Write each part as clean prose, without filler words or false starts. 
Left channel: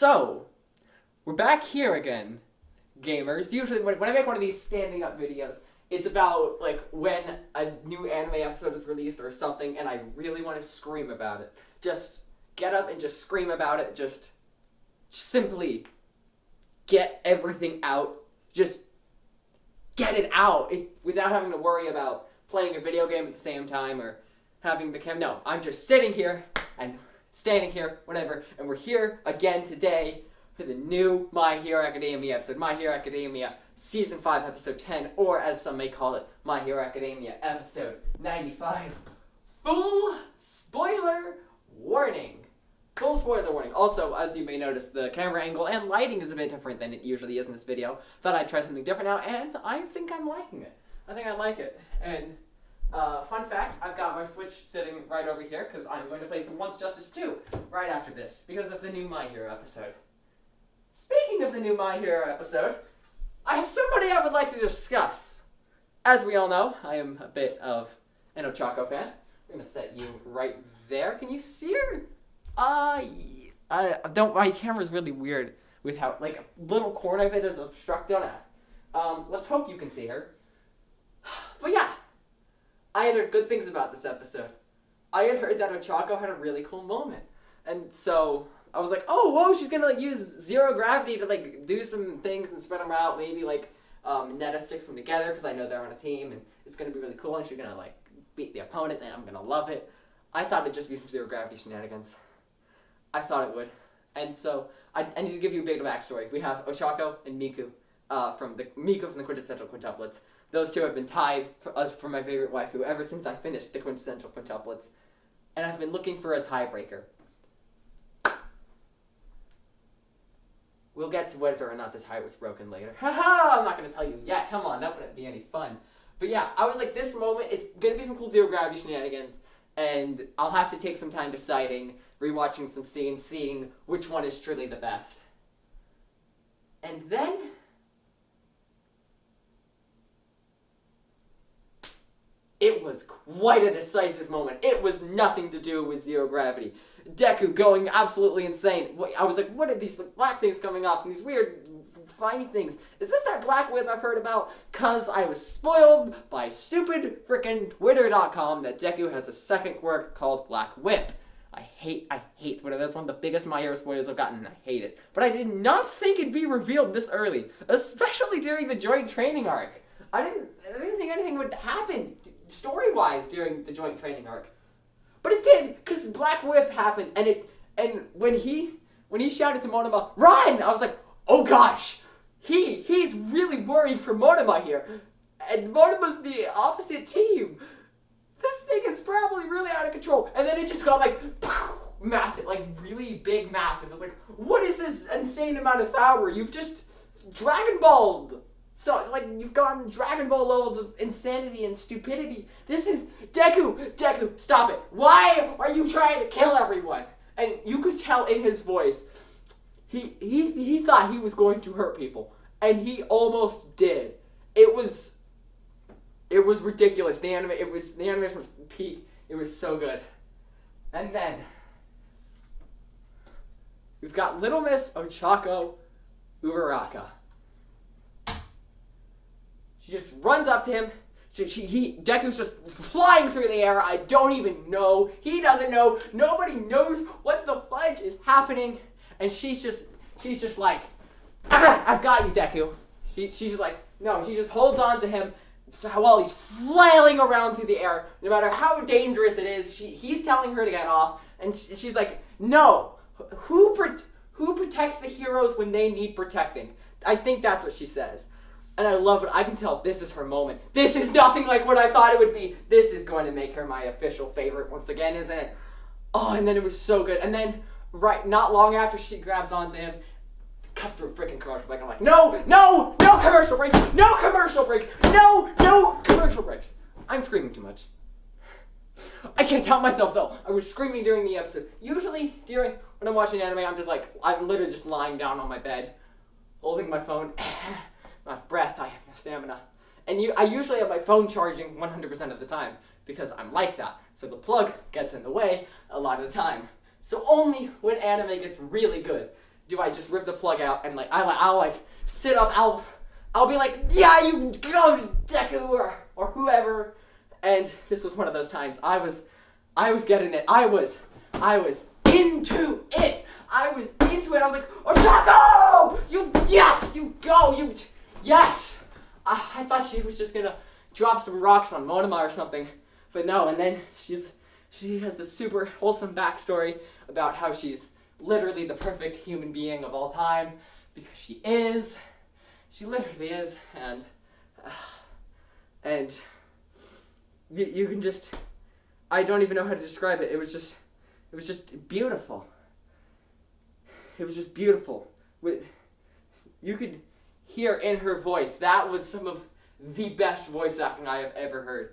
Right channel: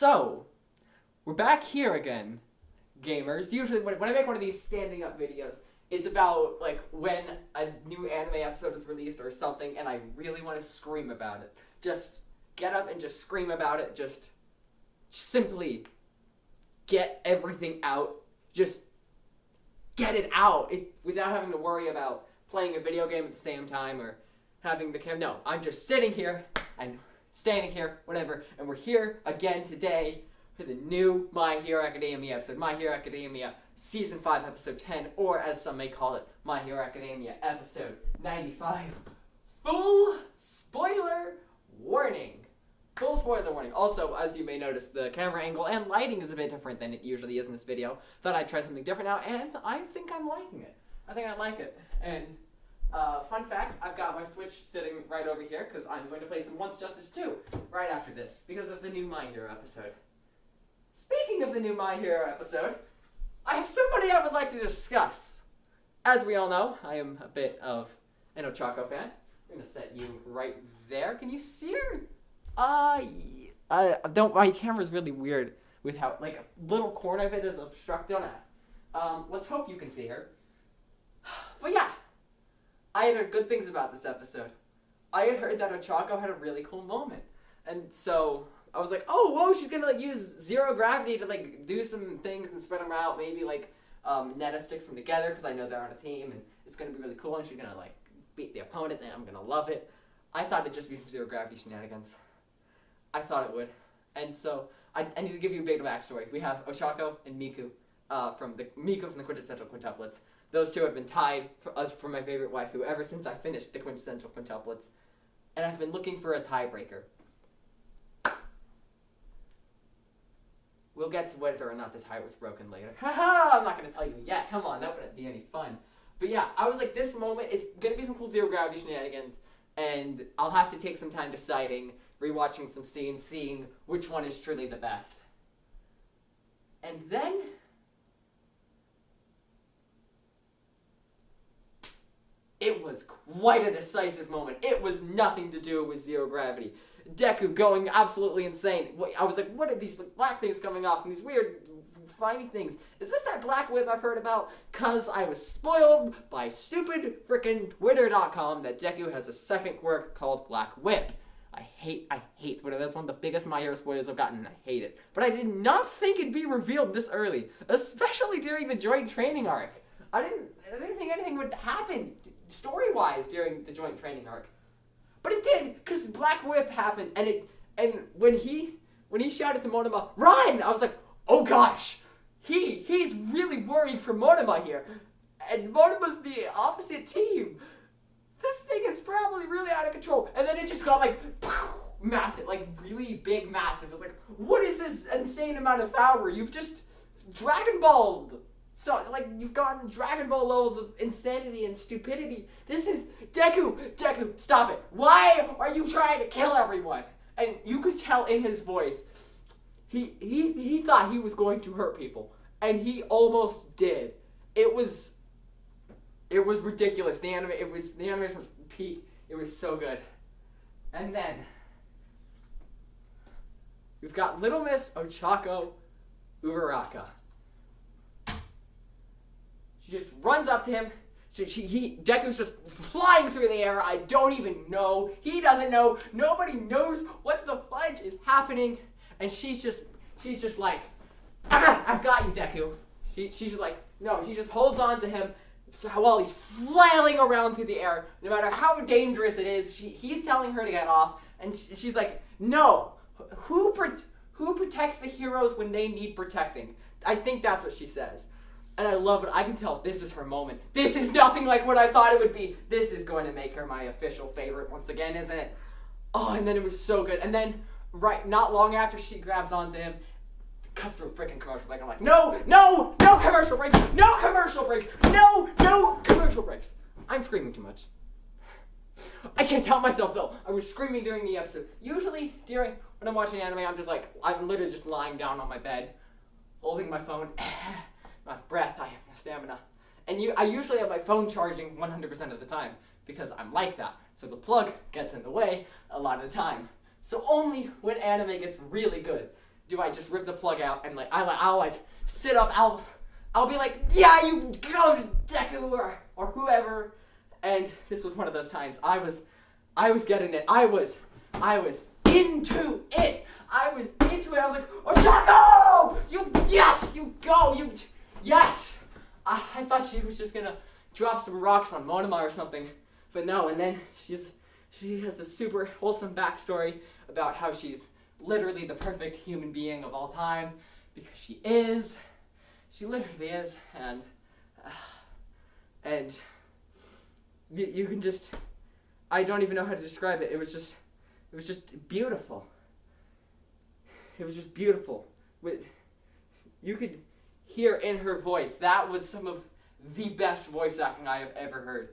So, we're back here again, gamers. Usually when I make one of these standing up videos, it's about like when a new anime episode is released or something and I really want to scream about it. Just get up and just scream about it. Just simply get everything out. Just get it out without having to worry about playing a video game at the same time or having the No, I'm just sitting here and standing here, whatever, and we're here again today for the new My Hero Academia episode. My Hero Academia Season 5, Episode 10, or as some may call it, My Hero Academia Episode 95. Full spoiler warning. Full spoiler warning. Also, as you may notice, the camera angle and lighting is a bit different than it usually is in this video. Thought I'd try something different now, and I think I'm liking it. I think I like it. And fun fact, I've got my Switch sitting right over here because I'm going to play some Once Justice 2 right after this because of the new My Hero episode. Speaking of the new My Hero episode, I have somebody I would like to discuss. As we all know, I am a bit of an Ochaco fan. I'm going to set you right there. Can you see her? My camera's really weird with how, like, a little corner of it is obstructed. Don't ask. Let's hope you can see her. But yeah, I had heard good things about this episode. I had heard that Ochaco had a really cool moment. And so I was like, oh, whoa, she's gonna like use zero gravity to like do some things and spread them out. Maybe like Netta sticks them together because I know they're on a team and it's gonna be really cool and she's gonna like beat the opponents and I'm gonna love it. I thought it'd just be some zero gravity shenanigans. I thought it would. And so I need to give you a bit of backstory. We have Ochaco and Miku from the Quintessential Quintuplets. Those two have been tied for my favorite waifu ever since I finished the Quintessential Quintuplets. And I've been looking for a tiebreaker. We'll get to whether or not the tie was broken later. Haha! I'm not going to tell you yet. Come on, that wouldn't be any fun. But yeah, I was like, this moment, it's going to be some cool zero gravity shenanigans. And I'll have to take some time deciding, rewatching some scenes, seeing which one is truly the best. And then it was quite a decisive moment. It was nothing to do with zero gravity. Deku going absolutely insane. I was like, what are these black things coming off and these weird fine things? Is this that black whip I've heard about? Cause I was spoiled by stupid frickin' Twitter.com that Deku has a second quirk called Black Whip. I hate Twitter. That's one of the biggest My Hero spoilers I've gotten and I hate it. But I did not think it'd be revealed this early, especially during the joint training arc. I didn't think anything would happen story-wise during the joint training arc. But it did, because Black Whip happened, and when he shouted to Monoma, "Run!" I was like, oh gosh, he's really worrying for Monoma here. And Monoma's the opposite team. This thing is probably really out of control. And then it just got like massive, like really big, massive. It was like, what is this insane amount of power? You've just Dragon Balled. So, like, you've gotten Dragon Ball levels of insanity and stupidity. This is... Deku, stop it. Why are you trying to kill everyone? And you could tell in his voice, he thought he was going to hurt people. And he almost did. It was ridiculous. The animation was peak. It was so good. And then, we've got Little Miss Ochaco Uraraka. She just runs up to him. Deku's just flying through the air. I don't even know. He doesn't know. Nobody knows what the fudge is happening. And she's just like, I've got you, Deku. She's just like, no. She just holds on to him while he's flailing around through the air. No matter how dangerous it is, he's telling her to get off. And she's like, no. Who protects the heroes when they need protecting? I think that's what she says. And I love it. I can tell this is her moment. This is nothing like what I thought it would be. This is going to make her my official favorite once again, isn't it? Oh, and then it was so good. And then, not long after she grabs onto him, cuts through a freaking commercial break. I'm like, no commercial breaks, no commercial breaks, no commercial breaks. I'm screaming too much. I can't help myself though. I was screaming during the episode. Usually when I'm watching anime, I'm literally just lying down on my bed, holding my phone. Not breath, I have no stamina. And I usually have my phone charging 100% of the time because I'm like that. So the plug gets in the way a lot of the time. So only when anime gets really good do I just rip the plug out and like I'll like sit up, I'll be like, yeah, you go, Deku, or whoever. And this was one of those times I was getting it. I was into it. I was like, Ochaco! You go! Yes! I thought she was just gonna drop some rocks on Monoma or something. But no, and then she has this super wholesome backstory about how she's literally the perfect human being of all time. Because she is. She literally is. And you can just, I don't even know how to describe it. It was just beautiful. It was just beautiful. You could hear in her voice, that was some of the best voice acting I have ever heard.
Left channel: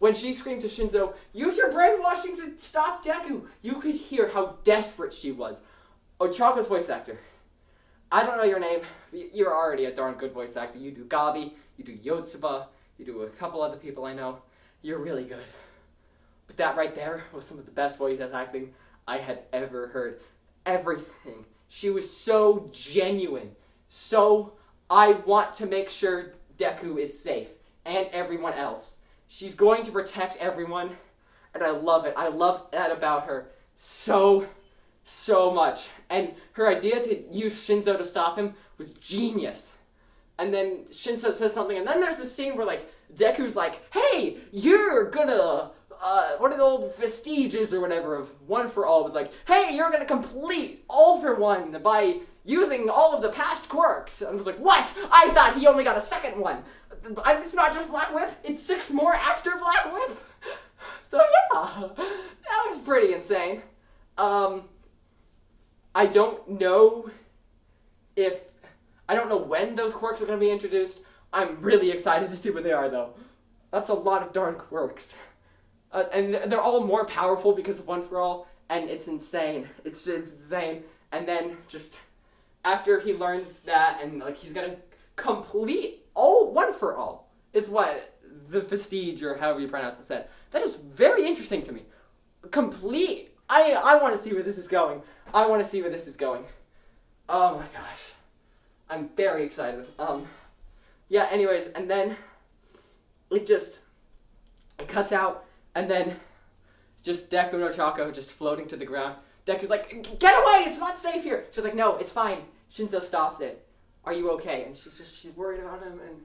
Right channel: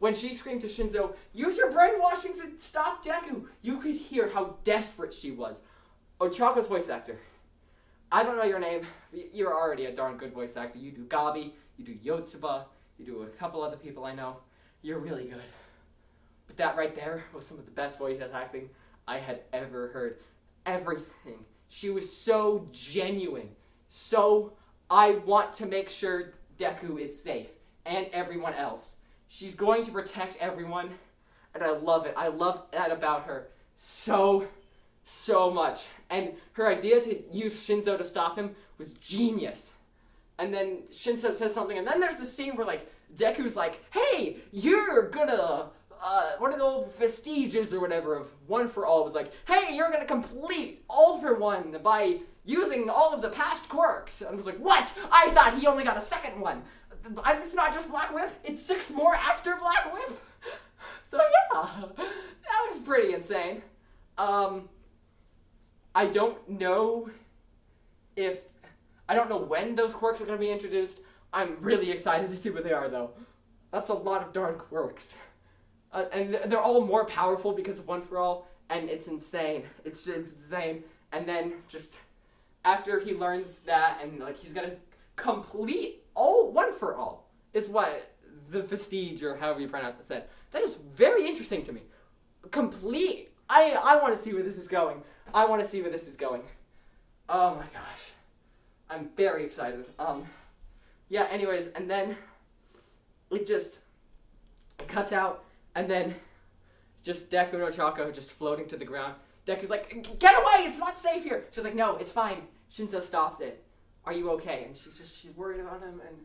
When she screamed to Shinzo, use your brainwashing to stop Deku, you could hear how desperate she was. Ochako's voice actor. I don't know your name, but you're already a darn good voice actor. You do Gabi, you do Yotsuba, you do a couple other people I know. You're really good. But that right there was some of the best voice acting I had ever heard. Everything. She was so genuine. So I want to make sure Deku is safe. And everyone else. She's going to protect everyone. And I love it. I love that about her so much. And her idea to use Shinzo to stop him was genius. And then Shinzo says something, and then there's the scene where, like, Deku's like, hey, you're gonna, one of the old vestiges or whatever of One for All was like, hey, you're gonna complete All for One by using all of the past quirks. And I was like, what? I thought he only got a second one. It's not just Black Whip, it's 6 more after Black Whip. So yeah, that was pretty insane. I don't know when those quirks are going to be introduced. I'm really excited to see what they are, though. That's a lot of darn quirks. And they're all more powerful because of One for All, and it's insane. It's insane. And then just after he learns that, and like he's going to complete all One for All, is what the Vestige, or however you pronounce it, said. That is very interesting to me. Complete. I want to see where this is going. Oh my gosh. I'm very excited. Yeah, anyways, and then it cuts out, and then just Deku and Ochaco just floating to the ground. Deku's like, get away, it's not safe here. She's like, no, it's fine. Shinzo stopped it. Are you okay? And she's worried about him, and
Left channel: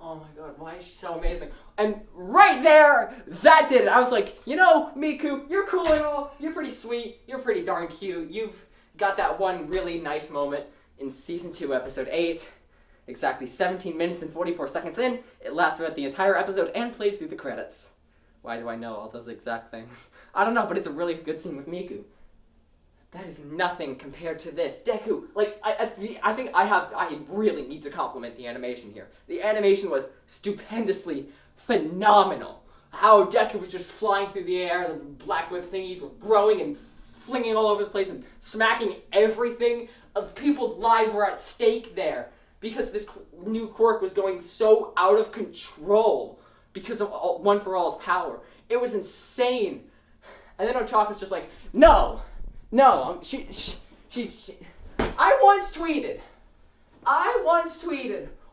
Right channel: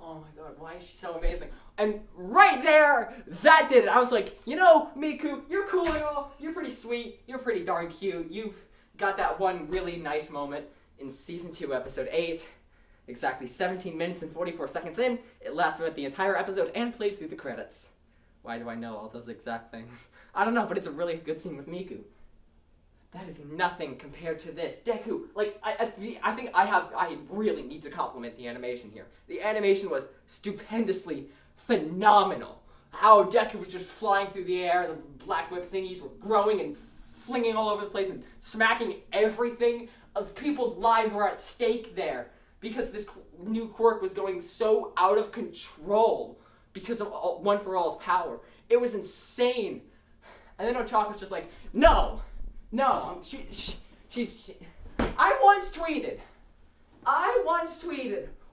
oh my god, why is she so amazing? And right there, that did it. I was like, you know, Miku, you're cool and all. You're pretty sweet. You're pretty darn cute. You've got that one really nice moment in Season 2, Episode 8. Exactly 17 minutes and 44 seconds in. It lasts throughout the entire episode and plays through the credits. Why do I know all those exact things? I don't know, but it's a really good scene with Miku. That is nothing compared to this. Deku, like, I think I really need to compliment the animation here. The animation was stupendously phenomenal. How Deku was just flying through the air, the Black Whip thingies were growing and flinging all over the place and smacking everything. Of people's lives were at stake there because this new quirk was going so out of control because of One for All's power. It was insane. And then Ochako's just like, no, she's I once tweeted,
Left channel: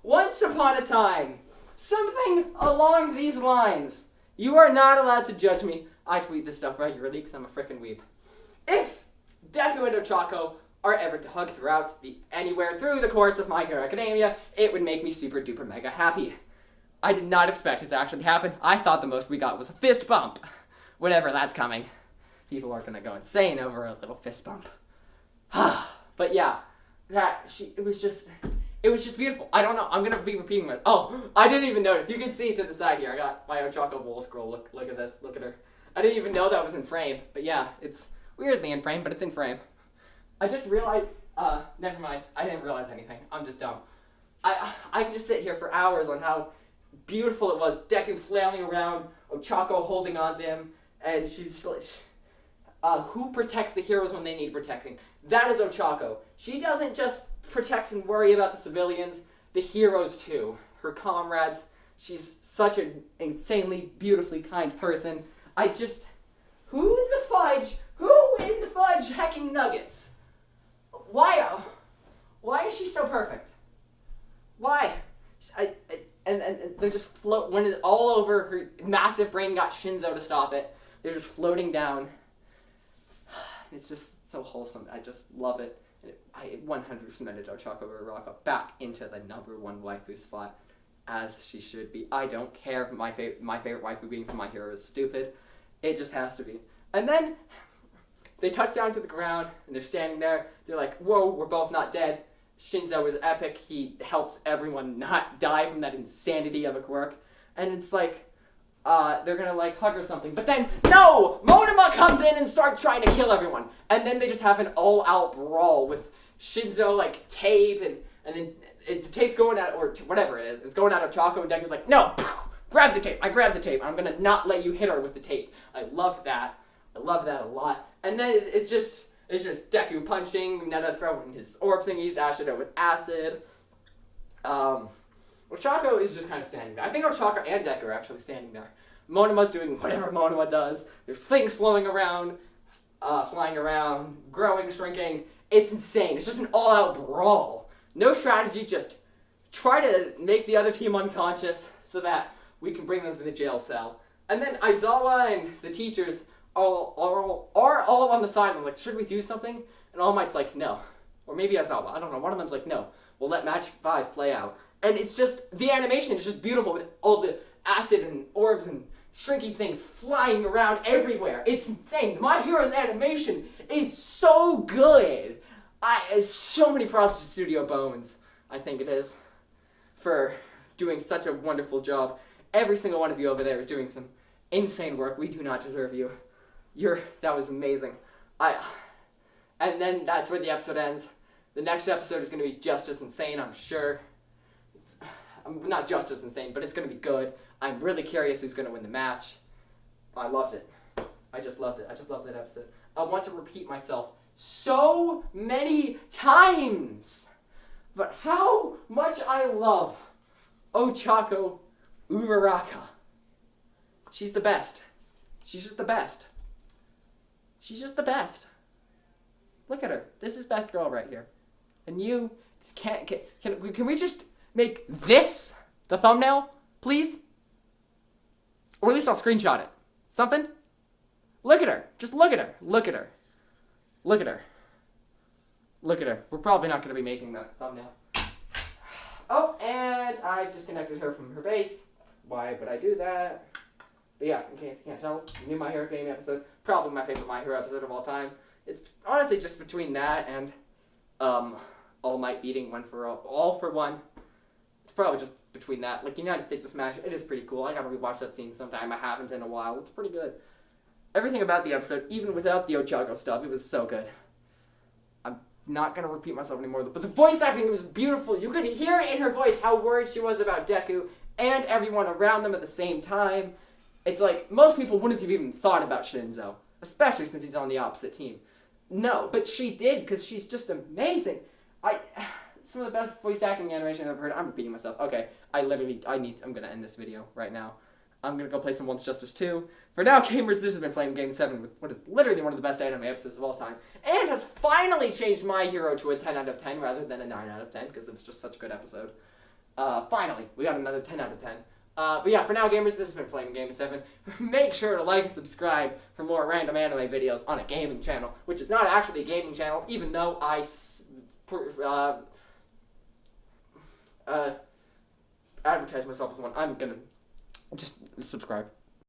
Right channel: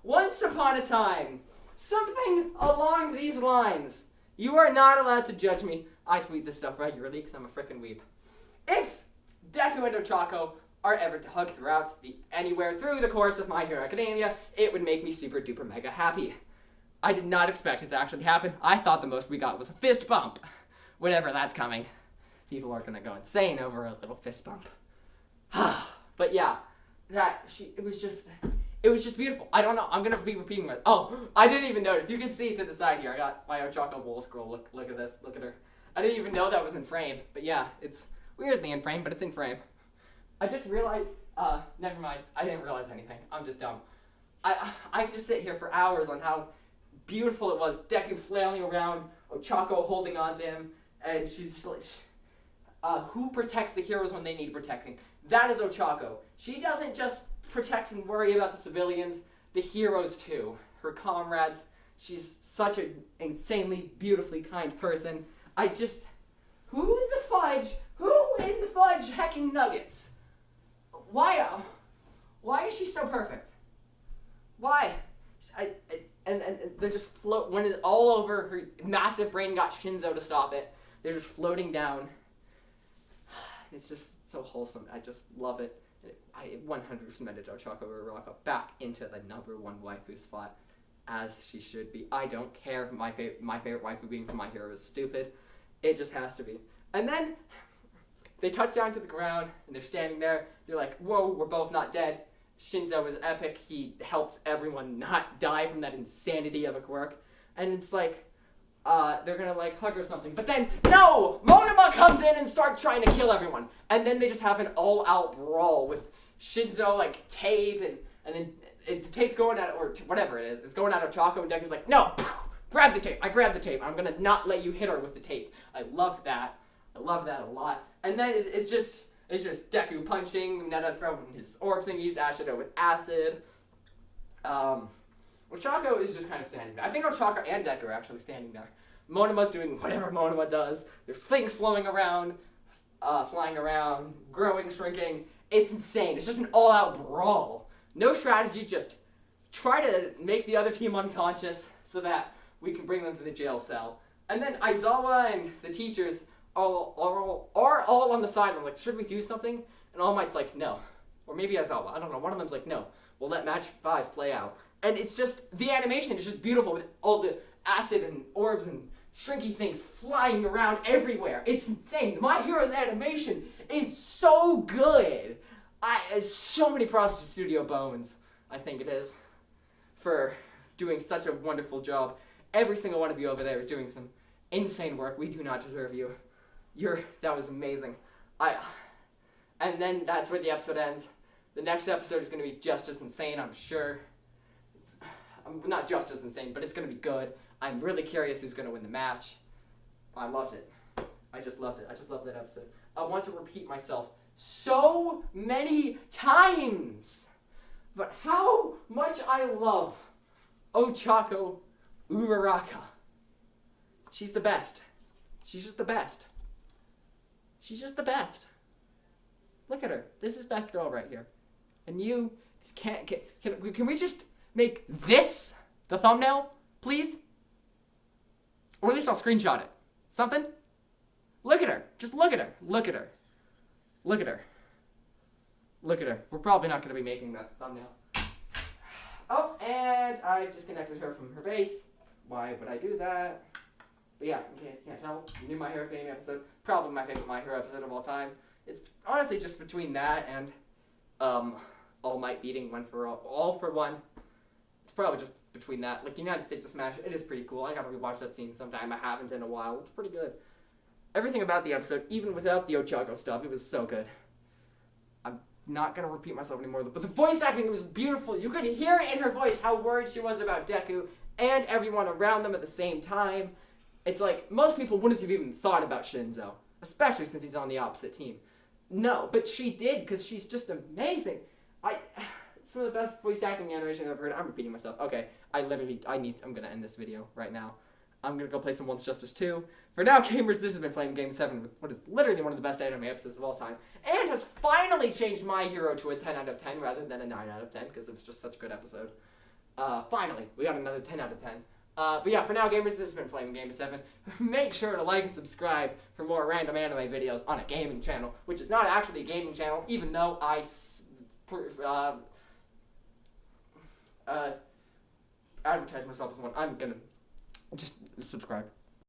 once upon a time, something along these lines. You are not allowed to judge me. I tweet this stuff regularly because I'm a frickin' weeb. If Deku and Ochaco are ever to hug anywhere through the course of My Hero Academia, it would make me super duper mega happy. I did not expect it to actually happen. I thought the most we got was a fist bump. Whenever that's coming. People are gonna go insane over a little fist bump. But yeah, it was just beautiful. I don't know, I'm gonna be repeating it. Oh, I didn't even notice. You can see to the side here, I got my Ochaco bowl scroll. Look at this, look at her. I didn't even know that was in frame, but yeah, it's weirdly in frame, but it's in frame. I just realized, never mind, I didn't realize anything. I'm just dumb. I could just sit here for hours on how beautiful it was. Deku flailing around, Ochaco holding on to him, and she's just like, who protects the heroes when they need protecting? That is Ochaco. She doesn't just protect and worry about the civilians, the heroes too. Her comrades. She's such an insanely, beautifully kind person. Who in the fudge hecking nuggets? why is she so perfect? Why? And they're just float when it's all over. Her massive brain got Shinzo to stop it. They're just floating down. It's just so wholesome. I just love it. I 100% cemented Ochaco Uraraka back into the #1 waifu spot, as she should be. I don't care if my favorite waifu being from My Hero is stupid. It just has to be. And then they touch down to the ground, and they're standing there. They're like, whoa, we're both not dead. Shinzo is epic. He helps everyone not die from that insanity of a quirk. And it's like, they're gonna like hug or something. But then, no! Monoma comes in and starts trying to kill everyone. And then they just have an all-out brawl with Shinzo like tape, and then the tape's going at, or whatever it is, it's going at Ochaco, and Deku's like, no! Grab the tape. I grabbed the tape. I'm gonna not let you hit her with the tape. I love that. I love that a lot. And then it's just Deku punching, Netta throwing his orb thingies, Ashido with acid. Ochaco is just kind of standing there. I think Ochaco and Deku are actually standing there. Monoma's doing whatever Monoma does. There's things flowing around, flying around, growing, shrinking. It's insane. It's just an all-out brawl. No strategy, just try to make the other team unconscious so that we can bring them to the jail cell. And then Aizawa and the teachers are all on the side. I'm like, should we do something? And All Might's like, no. Or maybe Aizawa. I don't know. One of them's like, no. We'll let match 5 play out. And it's just, the animation is just beautiful with all the acid and orbs and shrinking things flying around everywhere. It's insane. My Hero's animation is so good. So many props to Studio Bones, I think it is, for doing such a wonderful job. Every single one of you over there is doing some insane work. We do not deserve you. That was amazing. And then that's where the episode ends. The next episode is going to be just as insane, I'm sure. Not just as insane, but it's going to be good. I'm really curious who's going to win the match. I loved it. I just loved it. I just loved that episode. I want to repeat myself so many times. But how much I love Ochaco Uraraka. She's the best. She's just the best. She's just the best. Look at her. This is best girl right here. And you can we just make this the thumbnail, please? Or at least I'll screenshot it. Something? Look at her. Just look at her. Look at her. Look at her. Look at her. We're probably not going to be making that thumbnail. Oh, and I've disconnected her from her base. Why would I do that? But yeah, in case you can't tell, new My Hero Academia episode. Probably my favorite My Hero episode of all time. It's honestly just between that and All Might beating One for All for One. It's probably just between that. Like, United States of Smash, it is pretty cool. I gotta rewatch that scene sometime. I haven't in a while. It's pretty good. Everything about the episode, even without the Ochaco stuff, it was so good. I'm not gonna repeat myself anymore, but the voice acting was beautiful. You could hear it in her voice how worried she was about Deku and everyone around them at the same time. It's like, most people wouldn't have even thought about Shinzo, especially since he's on the opposite team. No, but she did, because she's just amazing. Some of the best voice acting animation I've ever heard. I'm repeating myself. Okay, I'm gonna end this video right now. I'm gonna go play some Once Justice 2. For now, gamers, this has been Flame Game 7 with what is literally one of the best anime episodes of all time, and has finally changed My Hero to a 10 out of 10 rather than a 9 out of 10, because it was just such a good episode. Finally, we got another 10 out of 10. But yeah, for now, gamers, this has been Flame Game 7. Make sure to like and subscribe for more random anime videos on a gaming channel, which is not actually a gaming channel, even though I advertise myself as one. I'm gonna just subscribe.